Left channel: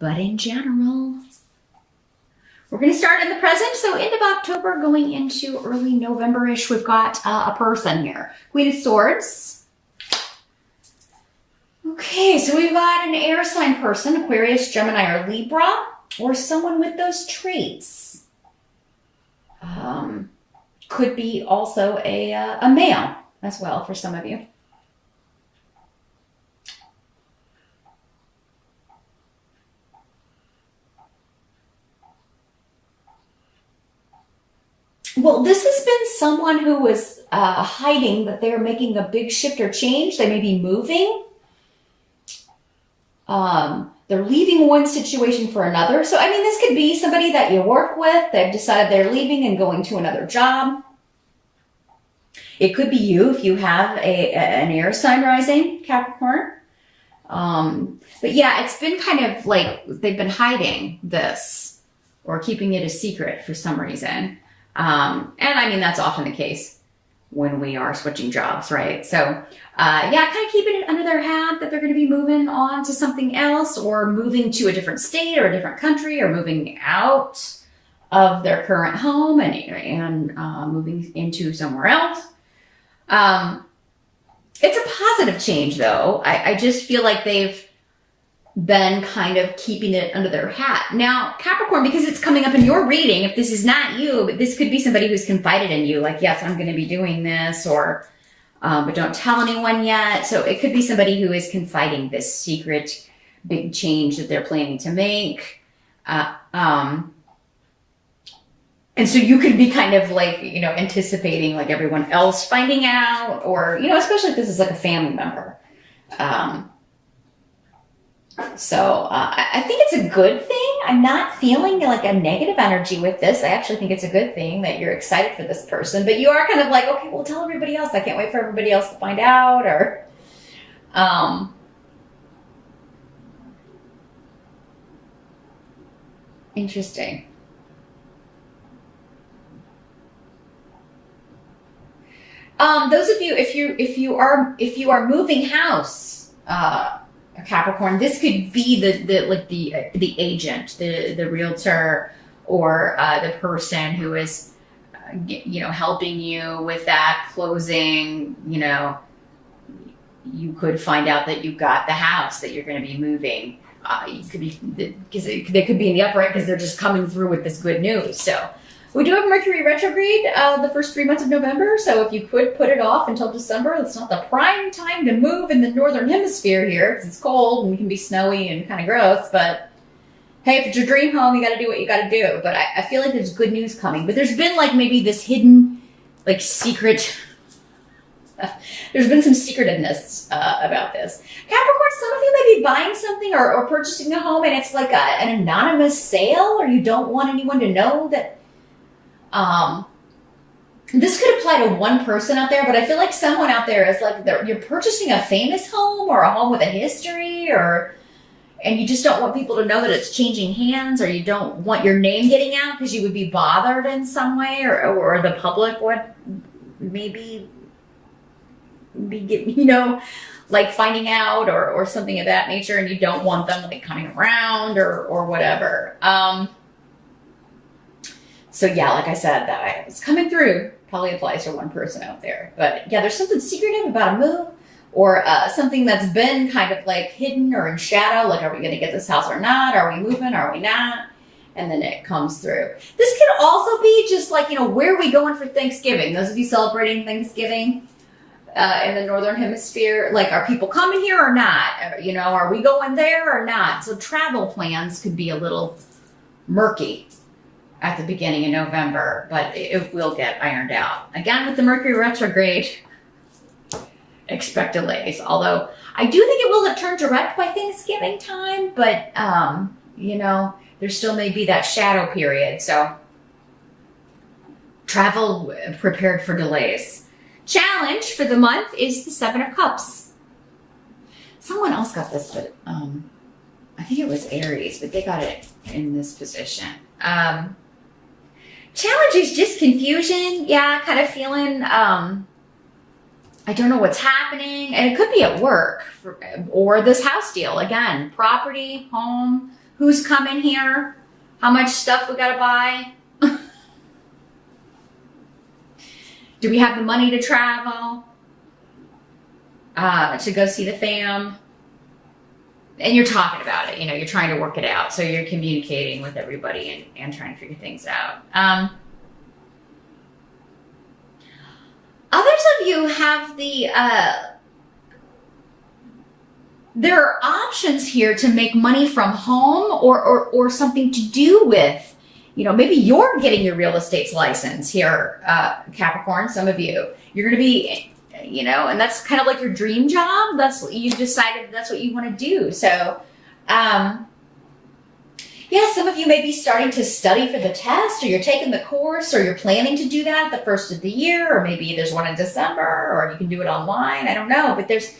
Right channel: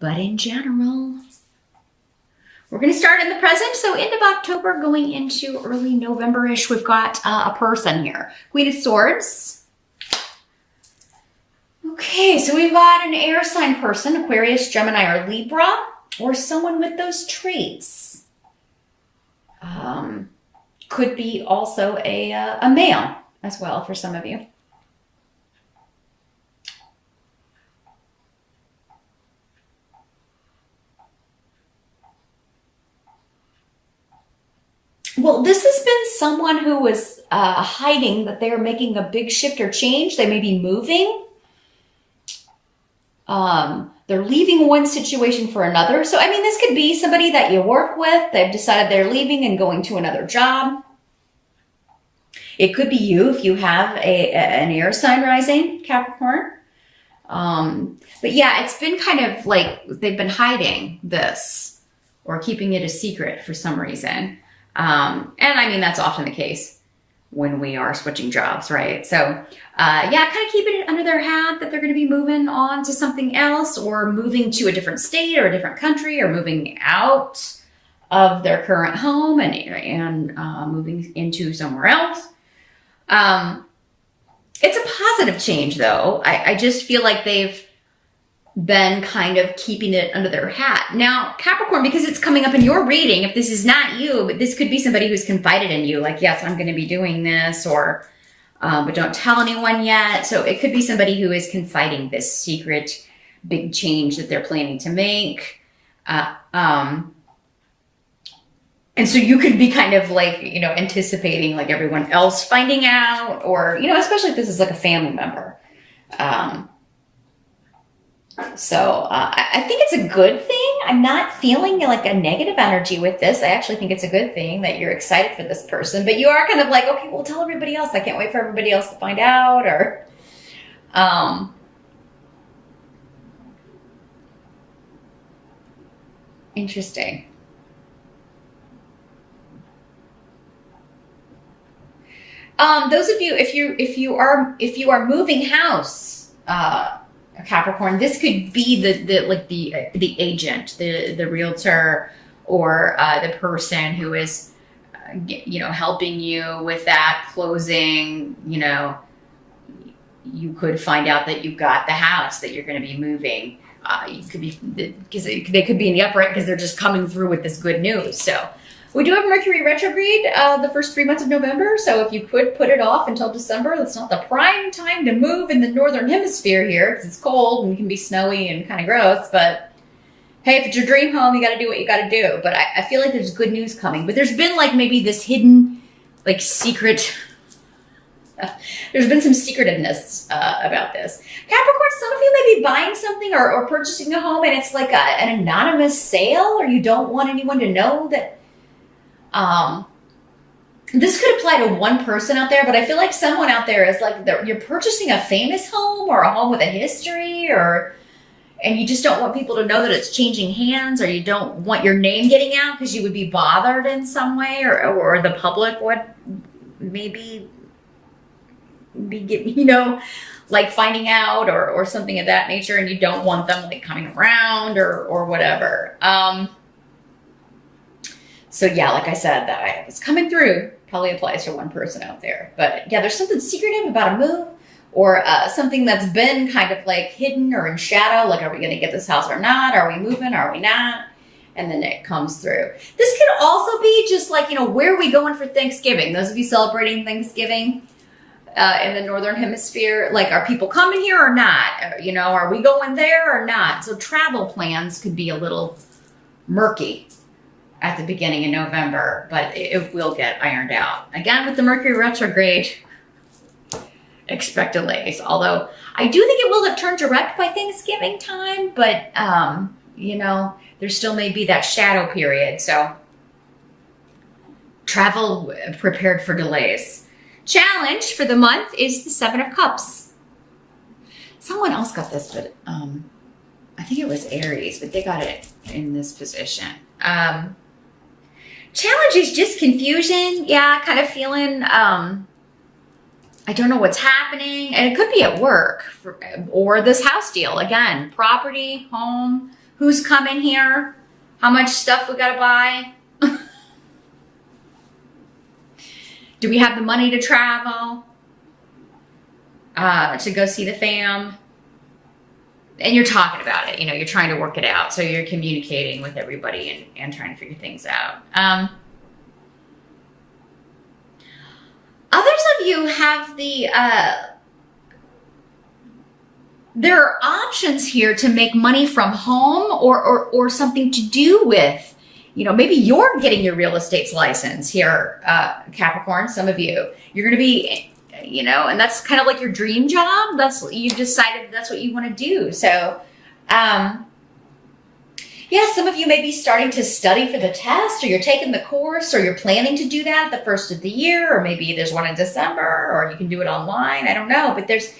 But in general, we're going to start in the present. So end of October going into early November-ish, we've got a person here. Queen of Swords. Okay, so we've got an air sign person, Aquarius, Gemini, or Libra, or someone with those traits. Could be also a male as well for some of you. Well, this has been someone who was hiding that they're making a big shift or change. They may be moving. They're leaving one situation for another. So, I mean, this could be somebody that you work with. They've decided they're leaving and going to another job. It could be you if you have an air sign rising, Capricorn. But yeah, it's been kind of like they've been hiding this or keeping it a secret for some reason. And I mean, that's often the case when we are switching jobs, right? So, yeah, kind of keeping it under their hat that they're going to be moving on to something else or moving to a different state or a different country or moving out of their current home and moving into somewhere else. It's a positive change though. I just feel like they've been kind of keeping it under their hat. Now, Capricorn, because it's coming up in your reading, if this is not you, but this could be somebody who's confided in you, like, yes, I'm going to be doing this, or, but don't tell anyone yet. So it could be somebody who is confiding this secret big change that they're planning to make. And so you can be kind of like, you know, anticipating like everyone else finding out, or, you know, especially if this is like a family member. So I think it's a good thing. I'm not feeling like a negative energy with this. I actually think it's a good thing that you're excited for this person, but you are kind of like, okay, well, tell everybody else. I can't wait for everybody else to find out, or, interesting. Those of you, if you are moving house, Capricorn, this could be the agent, the realtor, or the person who is, you know, helping you with that closing. You know, you could find out that you got the house that you're going to be moving. You could be, because they could be in the upright because they're just coming through with this good news. So we do have Mercury retrograde the first 3 months of November. So if you could put it off until December, that's not the prime time to move in the northern hemisphere here because it's cold and it can be snowy and kind of gross. But hey, if it's your dream home, you got to do what you got to do. But I feel like there's good news coming. But there's been like maybe this hidden, like secret. There's been some secretiveness about this. Capricorn, some of you may be buying something or purchasing a home and it's like an anonymous sale, or you don't want anyone to know that. This could apply to one person out there, but I feel like someone out there is like, you're purchasing a famous home or a home with a history, and you just don't want people to know that it's changing hands, or you don't want your name getting out because you would be bothered in some way, or the public would maybe be, you know, like finding out or something of that nature, and you don't want them like coming around or whatever. So yeah, like I said, that it's coming through probably applies to one person out there. But yeah, there's something secretive about a move, or something that's been kind of like hidden or in shadow. Like, are we going to get this house or not? Are we moving? Are we not? And then it comes through. This could also be just like, you know, where are we going for Thanksgiving? Those of you celebrating Thanksgiving in the Northern Hemisphere, like, are people coming here or not? You know, are we going there or not? So travel plans could be a little murky at the beginning of November, but it will get ironed out. Again, with the Mercury retrograde, expect delays. Although I do think it will turn direct by Thanksgiving time, but, you know, there still may be that shadow period. So travel prepared for delays. Challenge for the month is the 7 of Cups. Someone else got this, but I think it was Aries, but they got it in this position. Challenge is just confusion. Yeah, kind of feeling, I don't know what's happening. And it could be at work or this house deal. Again, property, home, Who's coming here? How much stuff we gotta buy? Do we have the money to travel? To go see the fam? And you're talking about it, you're trying to work it out. So you're communicating with everybody and trying to figure things out. Others of you have there are options here to make money from home or something to do with, maybe you're getting your real estate's license here, Capricorn, some of you. You're going to be, and that's kind of like your dream job. That's what you decided that's what you want to do. So, yeah, some of you may be starting to study for the test, or you're taking the course, or you're planning to do that the first of the year, or maybe there's one in December, or you can do it online. I don't know, but there's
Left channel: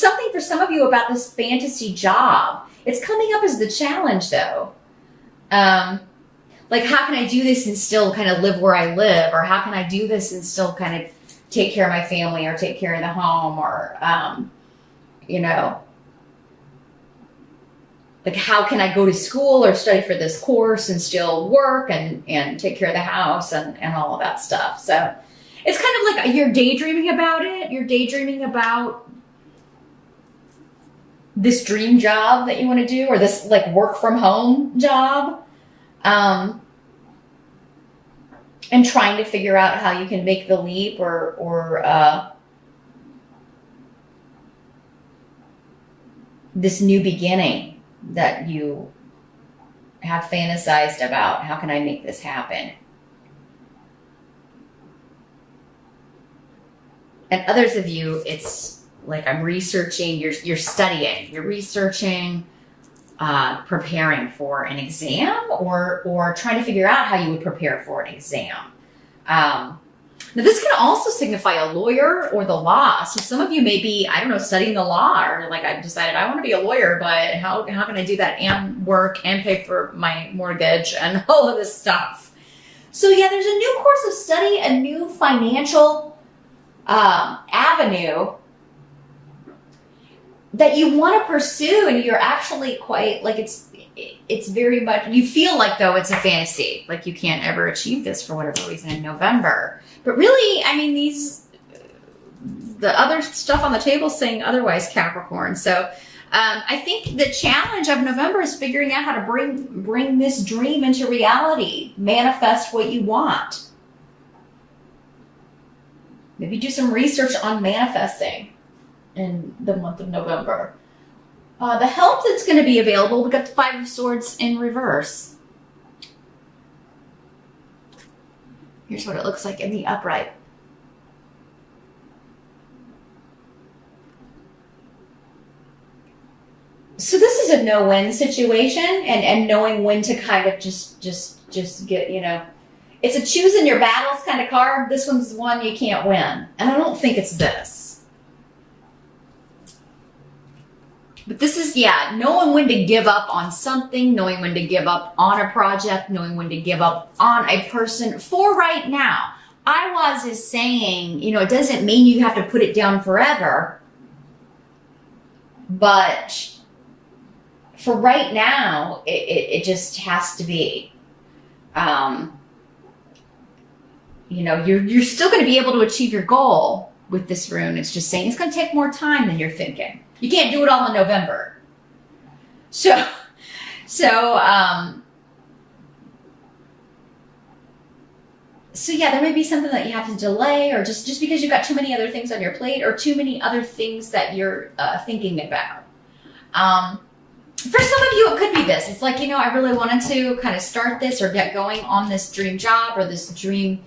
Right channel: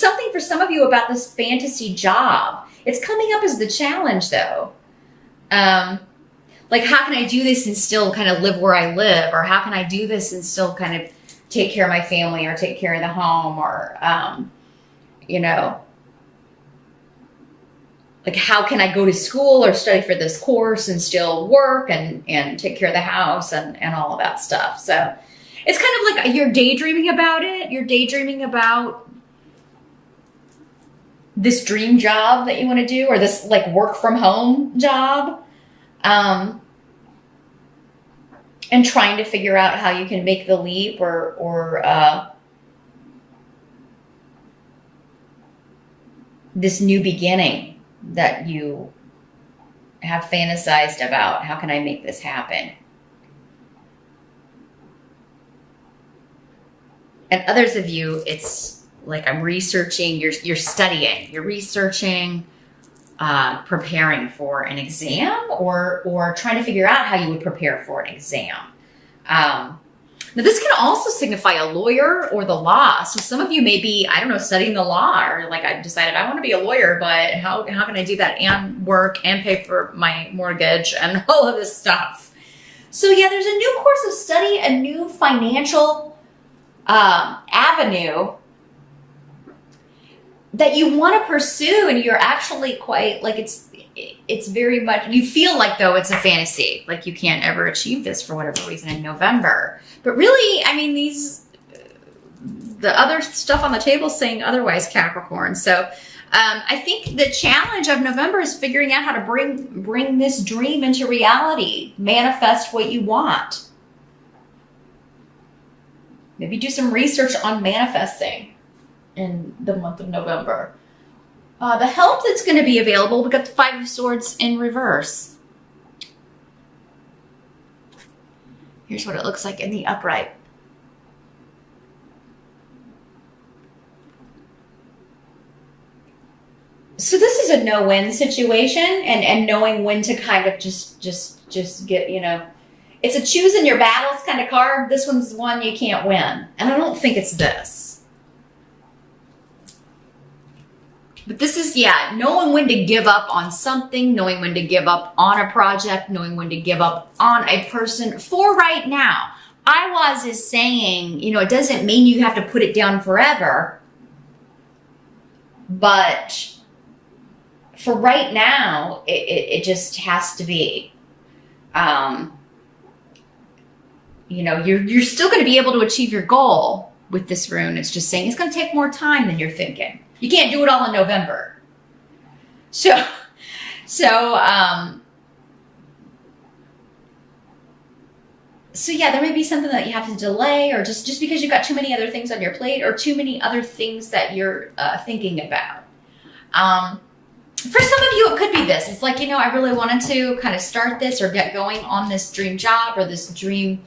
something for some of you about this fantasy job. It's coming up as the challenge, though. Like, how can I do this and still kind of live where I live, or how can I do this and still kind of take care of my family, or take care of the home, or like, how can I go to school or study for this course and still work and take care of the house and all of that stuff. So it's kind of like you're daydreaming about it. You're daydreaming about this dream job that you want to do, or this like work from home job. And trying to figure out how you can make the leap or this new beginning that you have fantasized about. How can I make this happen? And others of you, it's like I'm researching, you're studying, you're researching, preparing for an exam or trying to figure out how you would prepare for an exam. Now this can also signify a lawyer or the law. So some of you may be, I don't know, studying the law, or like I've decided I want to be a lawyer, but how can I do that and work and pay for my mortgage and all of this stuff? So yeah, there's a new course of study, a new financial avenue that you want to pursue, and you're actually quite like it's very much, you feel like though it's a fantasy, like you can't ever achieve this for whatever reason in November. But really, I mean, the other stuff on the table is saying otherwise, Capricorn. So I think the challenge of November is figuring out how to bring this dream into reality, manifest what you want. Maybe do some research on manifesting in the month of November. The help that's going to be available, we got the Five of Swords in reverse. Here's what it looks like in the upright. So this is a no-win situation, and knowing when to kind of just get, it's a choosing your battles kind of card. This one's one you can't win. And I don't think it's this. But this is, knowing when to give up on something, knowing when to give up on a project, knowing when to give up on a person for right now. Is saying, it doesn't mean you have to put it down forever. But for right now, it just has to be. You're still going to be able to achieve your goal with this rune. It's just saying it's going to take more time than you're thinking. You can't do it all in November. So yeah, there may be something that you have to delay, or just because you've got too many other things on your plate, or too many other things that you're thinking about. For some of you, it could be this. It's like, I really wanted to kind of start this or get going on this dream job or this dream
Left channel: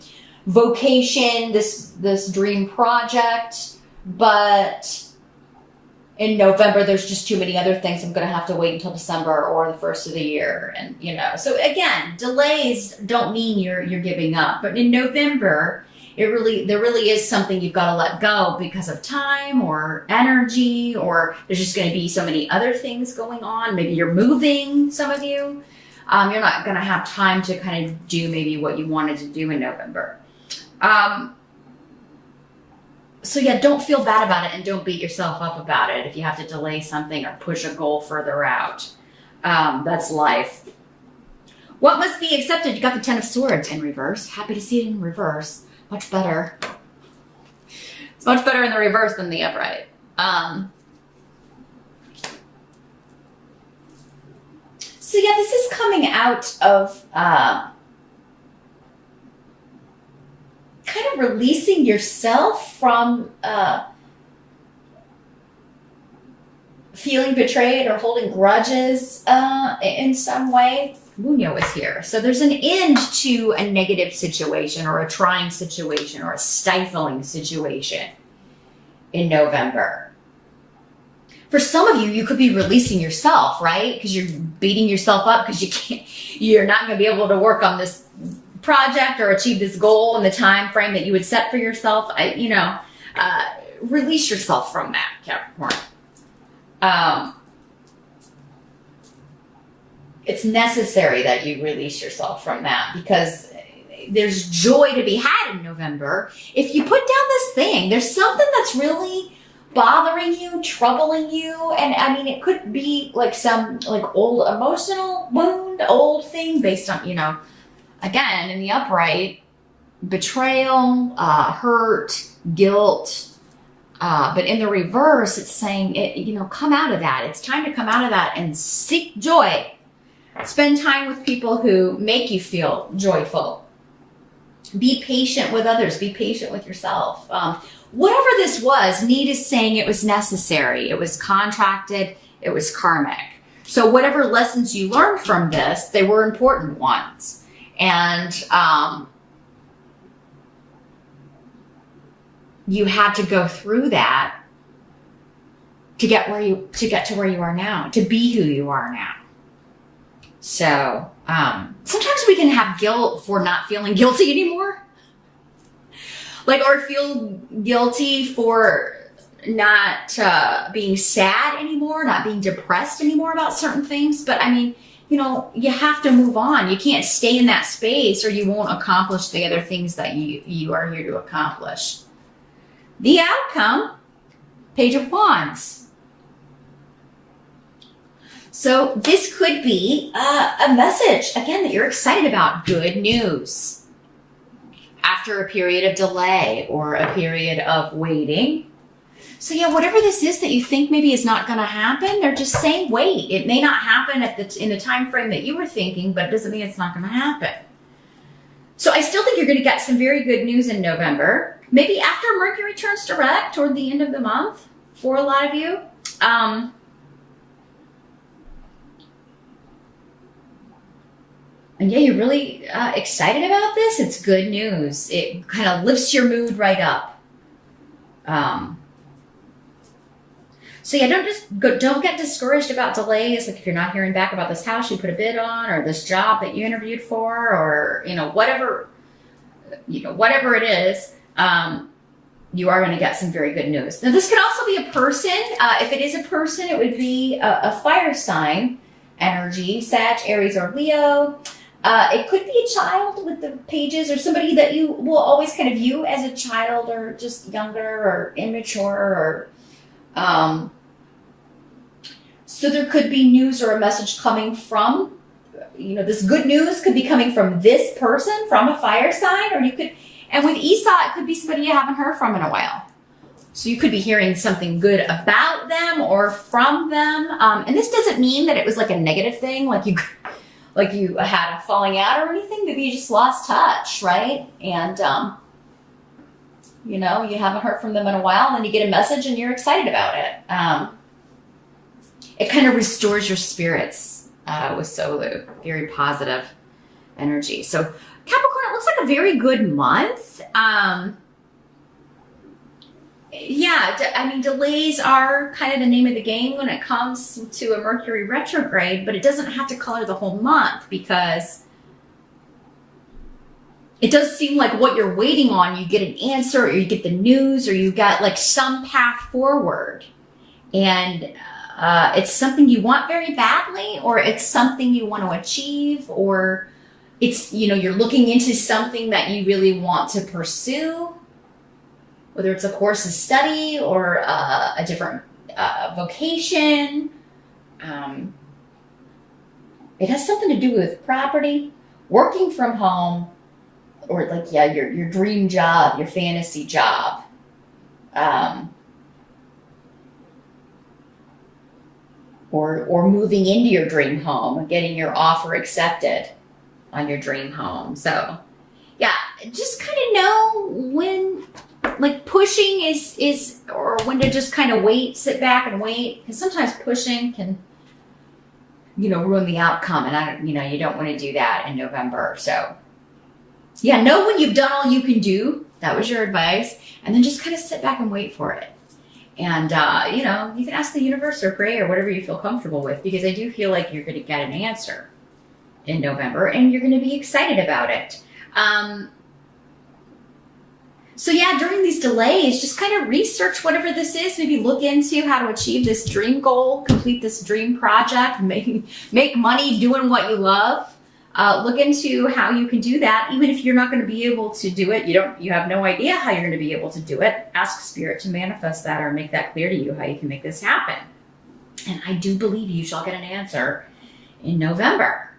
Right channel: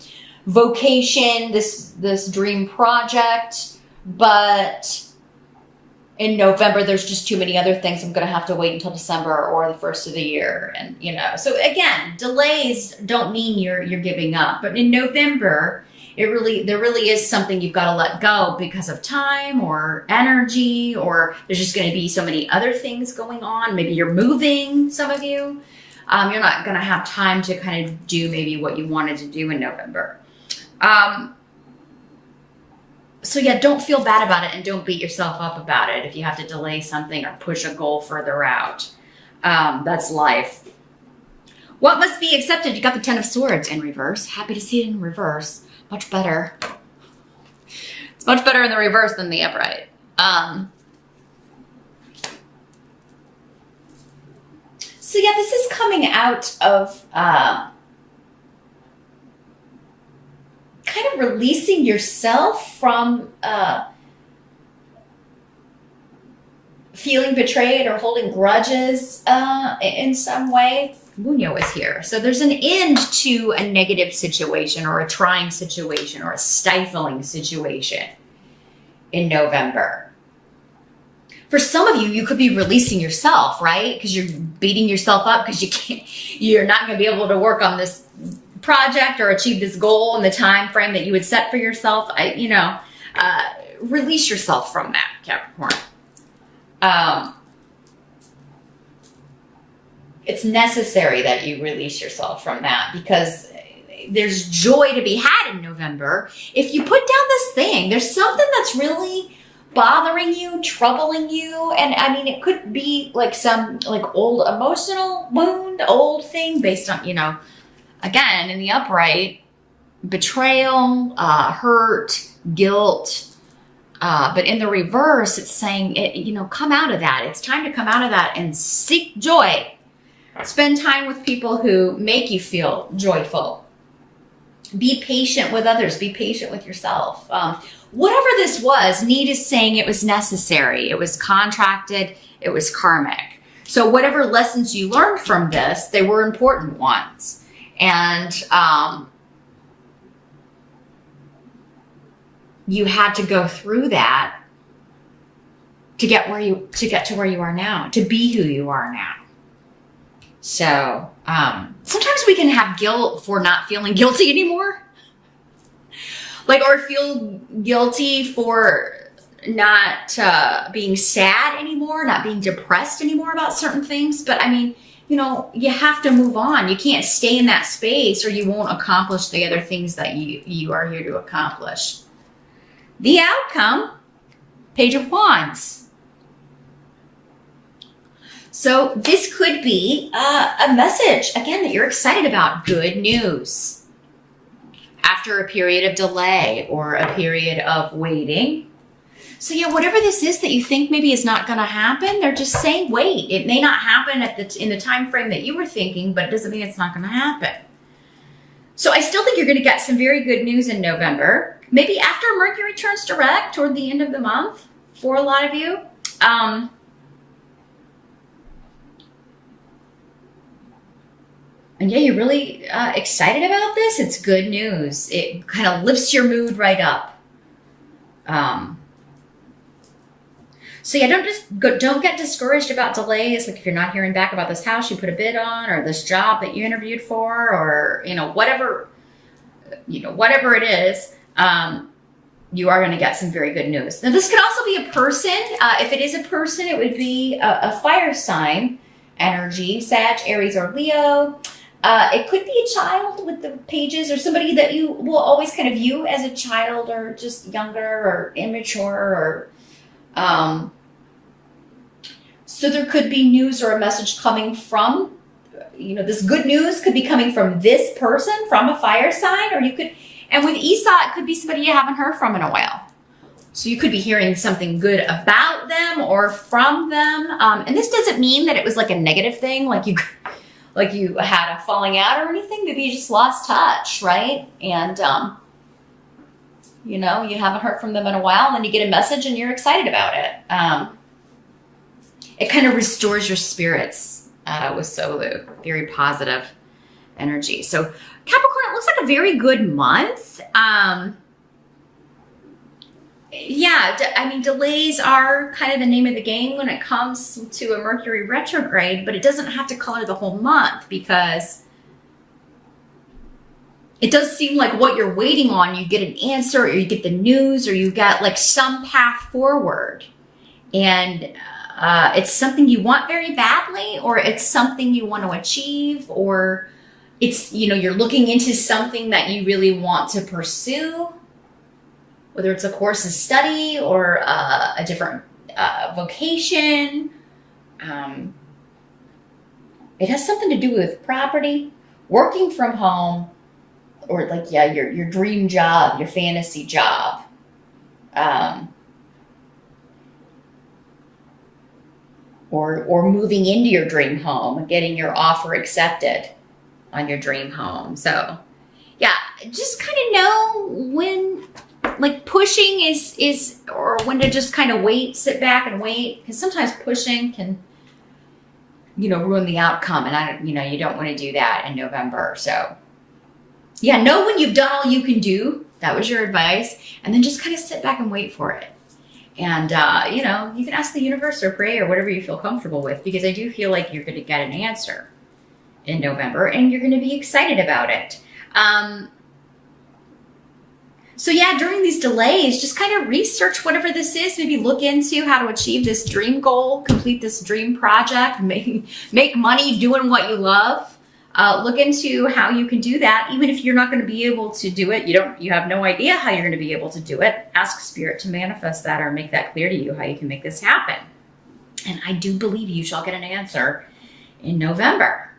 vocation, this dream project, but in November, there's just too many other things. I'm going to have to wait until December or the first of the year. And, so again, delays don't mean you're giving up. But in November, there really is something you've got to let go because of time or energy, or there's just going to be so many other things going on. Maybe you're moving, some of you. You're not going to have time to kind of do maybe what you wanted to do in November. So yeah, don't feel bad about it, and don't beat yourself up about it if you have to delay something or push a goal further out. That's life. What must be accepted? You got the Ten of Swords in reverse. Happy to see it in reverse. Much better. It's much better in the reverse than the upright. So yeah, this is coming out of kind of releasing yourself from feeling betrayed or holding grudges in some way. Muño is here. So there's an end to a negative situation or a trying situation or a stifling situation in November. For some of you, you could be releasing yourself, right? Because you're beating yourself up because you're not going to be able to work on this project or achieve this goal in the time frame that you would set for yourself. Release yourself from that, Capricorn. It's necessary that you release yourself from that because there's joy to be had in November. If you put down this thing, there's something that's really bothering you, troubling you. And I mean, it could be like some like old emotional wound, old thing based on, again, in the upright, betrayal, hurt, guilt. But in the reverse, it's saying, come out of that. It's time to come out of that and seek joy. Spend time with people who make you feel joyful. Be patient with others. Be patient with yourself. Whatever this was, Need is saying it was necessary. It was contracted. It was karmic. So whatever lessons you learned from this, they were important ones. And you had to go through that to get to where you are now, to be who you are now. So sometimes we can have guilt for not feeling guilty anymore. Or feel guilty for not being sad anymore, not being depressed anymore about certain things. But I mean, you have to move on. You can't stay in that space or you won't accomplish the other things that you are here to accomplish. The outcome, Page of Wands. So this could be a message, again, that you're excited about. Good news. After a period of delay or a period of waiting. So yeah, whatever this is that you think maybe is not going to happen, they're just saying, wait. It may not happen in the time frame that you were thinking, but it doesn't mean it's not going to happen. So I still think you're going to get some very good news in November. Maybe after Mercury turns direct toward the end of the month for a lot of you. And yeah, you're really excited about this. It's good news. It kind of lifts your mood right up. So yeah, don't get discouraged about delays. Like if you're not hearing back about this house you put a bid on, or this job that you interviewed for, or whatever it is, you are going to get some very good news. Now this could also be a person. If it is a person, it would be a fire sign energy, Sag, Aries, or Leo. It could be a child with the pages, or somebody that you will always kind of view as a child, or just younger or immature, or so there could be news or a message coming from, this good news could be coming from this person, from a fire sign, or you could, and with Esau, it could be somebody you haven't heard from in a while. So you could be hearing something good about them or from them. And this doesn't mean that it was like a negative thing, like you had a falling out or anything. Maybe you just lost touch, right? And, you haven't heard from them in a while, and you get a message and you're excited about it. It kind of restores your spirits with Solu. Very positive energy. So Capricorn, it looks like a very good month. Yeah, I mean, delays are kind of the name of the game when it comes to a Mercury retrograde, but it doesn't have to color the whole month, because it does seem like what you're waiting on, you get an answer, or you get the news, or you got like some path forward. And it's something you want very badly, or it's something you want to achieve, or it's, you're looking into something that you really want to pursue. Whether it's a course of study or a different vocation. It has something to do with property, working from home, or like, yeah, your dream job, your fantasy job. Or moving into your dream home, getting your offer accepted on your dream home. So yeah, just kind of know when like pushing is or when to just kind of wait, sit back and wait, because sometimes pushing can, you know, ruin the outcome, and you don't want to do that in November. So yeah, know when you've done all you can do. That was your advice, and then just kind of sit back and wait for it. And you can ask the universe or pray or whatever you feel comfortable with, because I do feel like you're going to get an answer in November, and you're going to be excited about it. So yeah, during these delays, just kind of research whatever this is. Maybe look into how to achieve this dream goal, complete this dream project, make money doing what you love. Look into how you can do that, even if you're not going to be able to do it. You have no idea how you're going to be able to do it. Ask Spirit to manifest that or make that clear to you how you can make this happen. And I do believe you shall get an answer in November.